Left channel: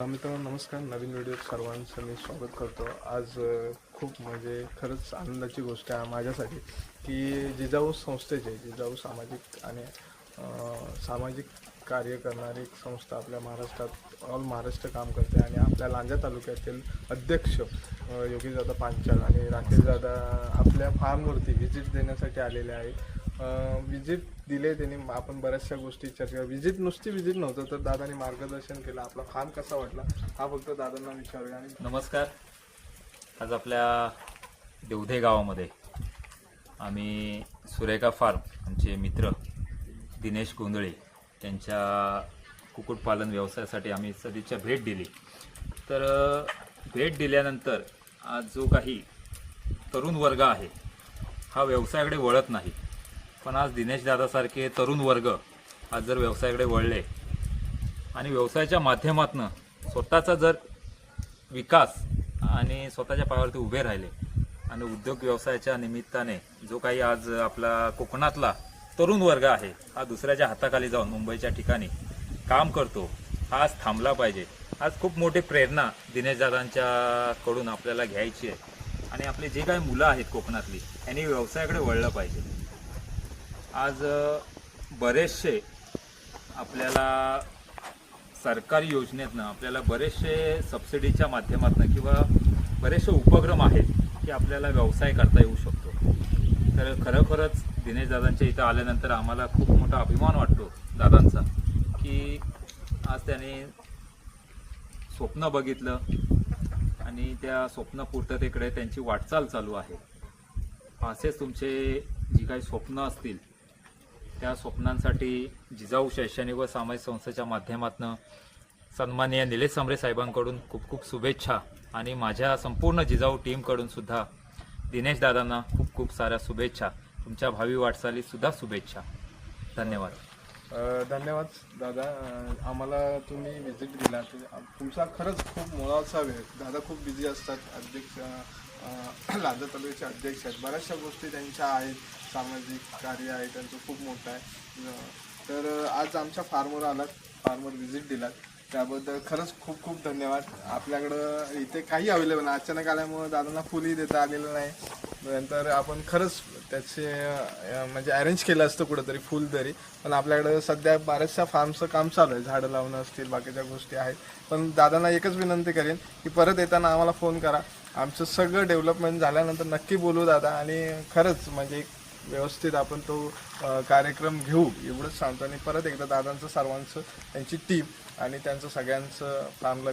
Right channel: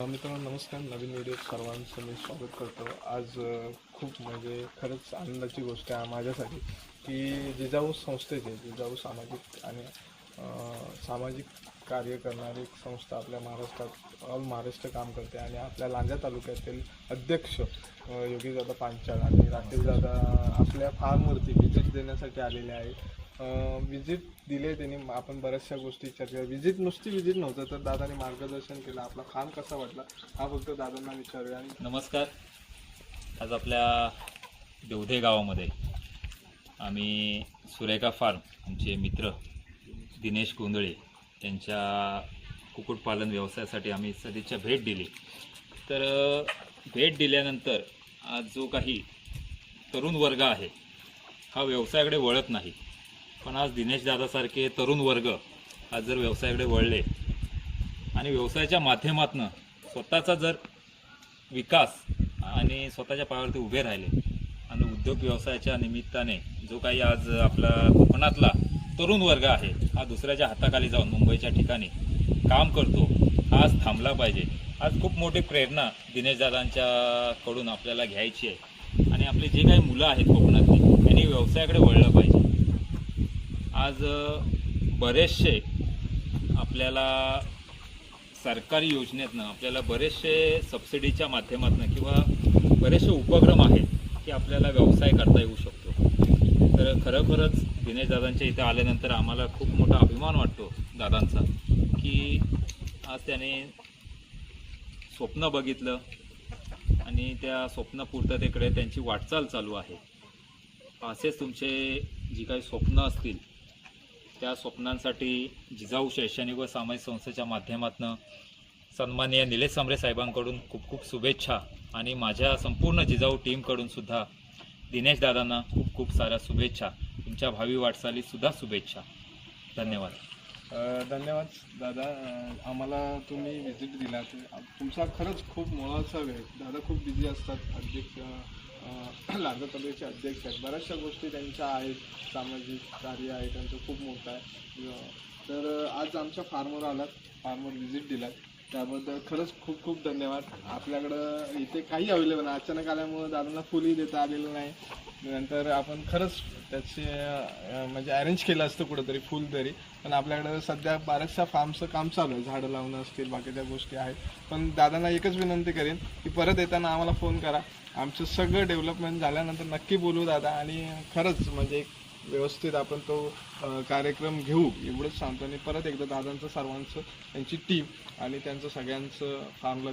मित्रांनो नमस्कार. नवीन व्हिडिओत सर्वांचं मी स्वागत करतो. आज खूप म्हणजे खरंच आनंदाची गोष्ट आहे माझ्यासाठी की जिजाऊ संस्थेचे जिजाऊ सामाजिक आणि सामाजिक कार्य करणारी एक संस्था आपल्या महाराष्ट्रात ऑल महाराष्ट्र काम करते आणि आपल्या लांजा तालुक्यातील अध्यक्ष योगीदादा पांचाळ आणि राकेशदादा आपल्या फार्मवरती व्हिजिट देण्यासाठी आलेले आहे. विजिट दिले त्यांनी. आपण बऱ्याचशा गोष्टी चर्चा विजिट नुसती विजिट नव्हतं तर दादांनी मार्गदर्शन केलं. आपला फार्म कसा वाटला हा फक्त दादांना विचारूया. आणि नमस्कार. आज आपल्या देवधे गावामध्ये आम्ही सुरेखा फार्म आमचे मित्र दिनेश गोंधळे यांच्या कुक्कुटपालन व्यवसायासाठी आम्ही सदिच्छा भेट दिली. तर भेट दिल्यानंतर आज जो काही तरुण वर्ग आहे हा व्यवसायाकडे वळत नाही, पण आज दिनेश दादासारखे तरुण वर्ग आज जर व्यवसायाकडे वळले आणि व्यवसायाच्या माध्यमातून स्वतःचा जर विकास आणि स्वतःच्या पायावरती उभे राहिले आणि उद्योग व्यवसायाच्या निमित्ताने जो काही आज आपला कोकणातला तरुण वर्ग आहे हा दुसऱ्याच्या हाताखाली जाऊन मुंबईच्या ठिकाणी काम करतो, हा आज थांबला पाहिजे. आज खूप मोठी प्रेरणा दिनेशदादांच्याकडून आपल्याला घ्यायची आहे आणि आपले जे काही मुलं आहेत कोकणातली त्यांनी व्यवसायाकडे वळलं पाहिजे. आज बरेचसे आपल्याला सरकारी योजनेतनं आपल्याला बरेचसे सबसिडीच्या माध्यमातून किंवा बरेचसे उपक्रम आहेत की आपल्याला व्यवसाय करता येऊ शकतो. तर खरोखरच दिनेशदादांच्या इथं आल्यानंतर आम्हाला खूप मोठा अभिमान वाटतो दादांचा की आज त्याने स्वप्न बघितलं आणि त्या स्वप्नपूर्ततेकडे त्यांची वाटचाल चालू आहे. असेच तुमचे जी काही स्वप्न असतील त्या स्वप्नांसाठी जिजाऊ शैक्षणिक व सामाजिक संस्थेच्या माध्यमातून सन्माननीय निलेश समरे साहेबांकडून खूप खूप शुभेच्छा आणि माझ्या संपूर्ण जिजाऊ टीमकडून सुद्धा दिनेश दादांना खूप खूप साऱ्या शुभेच्छा. तुमच्या भावी वाटचालीसुद्धा शुभेच्छा. धन्यवाद. धन्यवाद दादा. आम्हाला तुम्ही व्हिजिट दिला. तुमचा खरंच खूप मोलाचा वेळ. दादा खूप बिझी असतात. अध्यक्ष लांजा तालुक्याचे अध्यक्ष आहेत. बऱ्याचशा गोष्टी त्यांच्या आहेत. सामाजिक कार्य आहे त्यांचं खूप मोठं आहे. तर आज आमच्या फार्मवर आलात, फार्मवर व्हिजिट दिलात त्याबद्दल खरंच खूप खूप धन्यवाद. आपल्याकडं इथे काही अवेलेबल नाही. अचानक आल्यामुळं दादांना फुलही देता आलेलं नाही. नंतर आपण खरंच त्याचे म्हणजे अरेंज केलं असतं कुठंतरी फुल तरी, पण आपल्याकडं सध्या बऱ्याचशा फार्मचं काम चालू आहे. झाडं लावणं असतील, बाकीच्या गोष्टी आहेत. पण दादांना एकच विनंती करेन की परत येताना आम्हाला फोन करा. आमचं सगळं डेव्हलपमेंट झाल्यानंतर नक्की बोलू दादा आणि खरंच म्हणजे व्यवस्थित आपण तो कार्यक्रम घेऊ एवढंच सांगतो. आणि परत एकदा दादांचं सर्वांचं त्यांची टीम आणि त्यांचं सगळ्यांचं फार्मला